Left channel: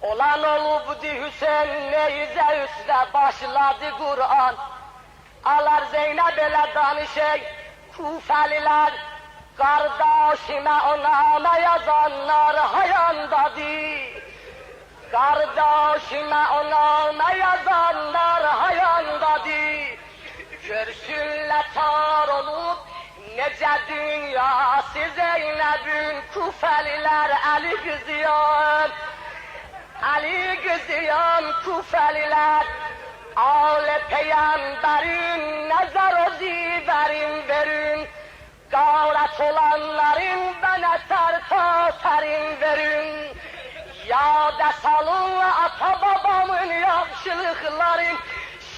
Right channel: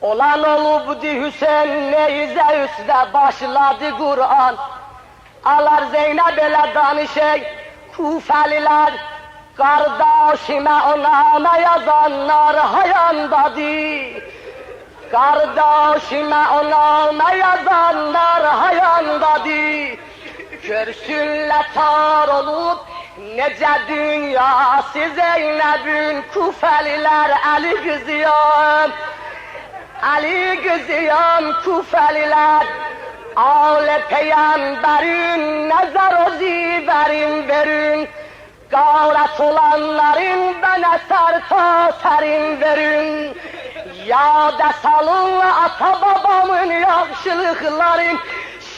Olan olubdu Hüseyin neyze üstə başladı Kur'an. Alar Zeynep elə danışır Kufəlilər, kardeşime ona yazanlar hayandadır. Kardeşime ona yazanlar hayandadır. Görsünlər tar olup necə dünyası Zeynep'in Kufəlilər əli qızıyam. Ali qızıyam Kufəlilər, Ağle peygamberin nazar o ziverin verin. Gavret olanların bana sarta serin verin. Yada salın ata babamın yaxşılıkların.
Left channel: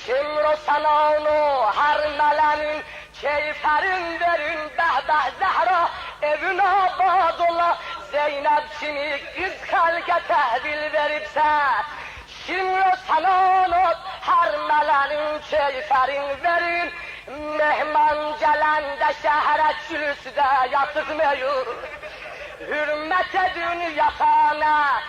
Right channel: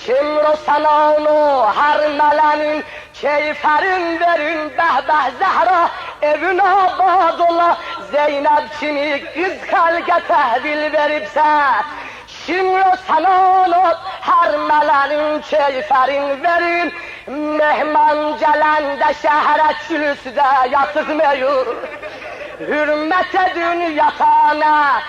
Şimdi sana onu her melenin keyferin verin. Behbeh Zehra evin abad ola. Zeynep kimi kız kalke tehvil veripse. Şimdi sana onu her melenin keyferin verin. Mehman gelende şehre çülüsüde yatırmıyor. Hürmet edin yatağına,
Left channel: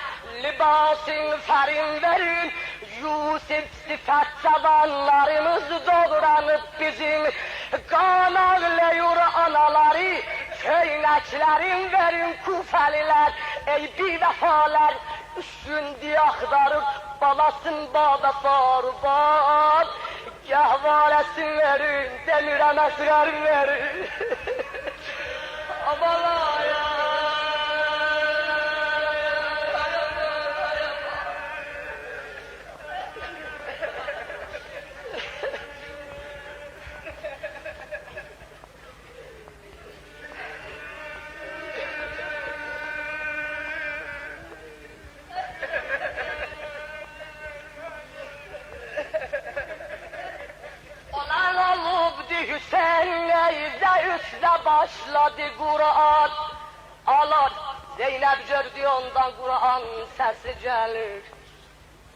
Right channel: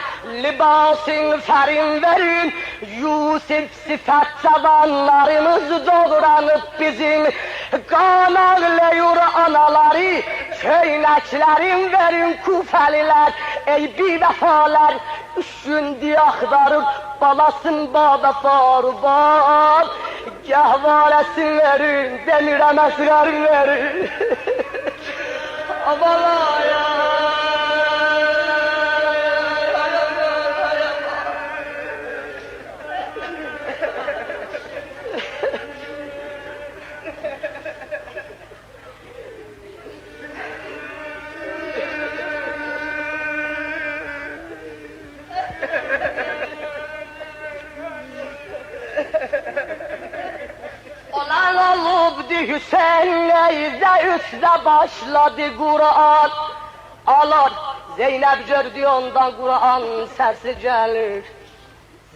libasın ferin verin. Yusuf sifat zamanlarımız doğranıp bizim. Kan ağlıyor anaları, köyneklerin verin Kufeliler. Ey bir vefalar, şimdi aktarıp balasın baba farban. Gahvaresin verin, demirem esrar verin. Avala ya. Hüseyin neyze üstte başladı Kur'an. Alar Zeynep gördü ondan Kur'an sesi gelir.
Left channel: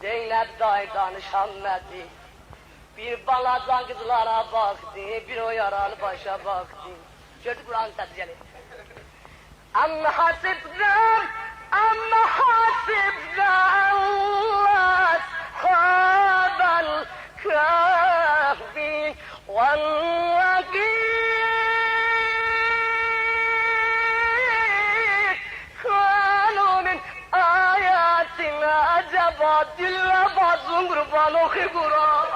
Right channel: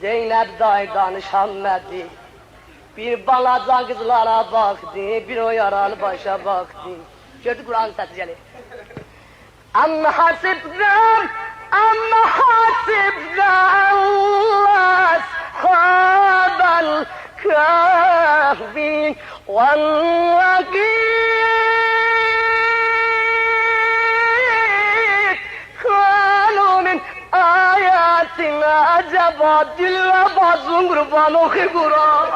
Zeynep day danışanmadı. Bir balacan kızlara baktı, bir o yaralı başa baktı. Gördü Kur'an sesi gelir. Amma hasibden ashabal kahfi والوقيت كانوا من آياتنا عجبا دل و بازم قربان و خبرا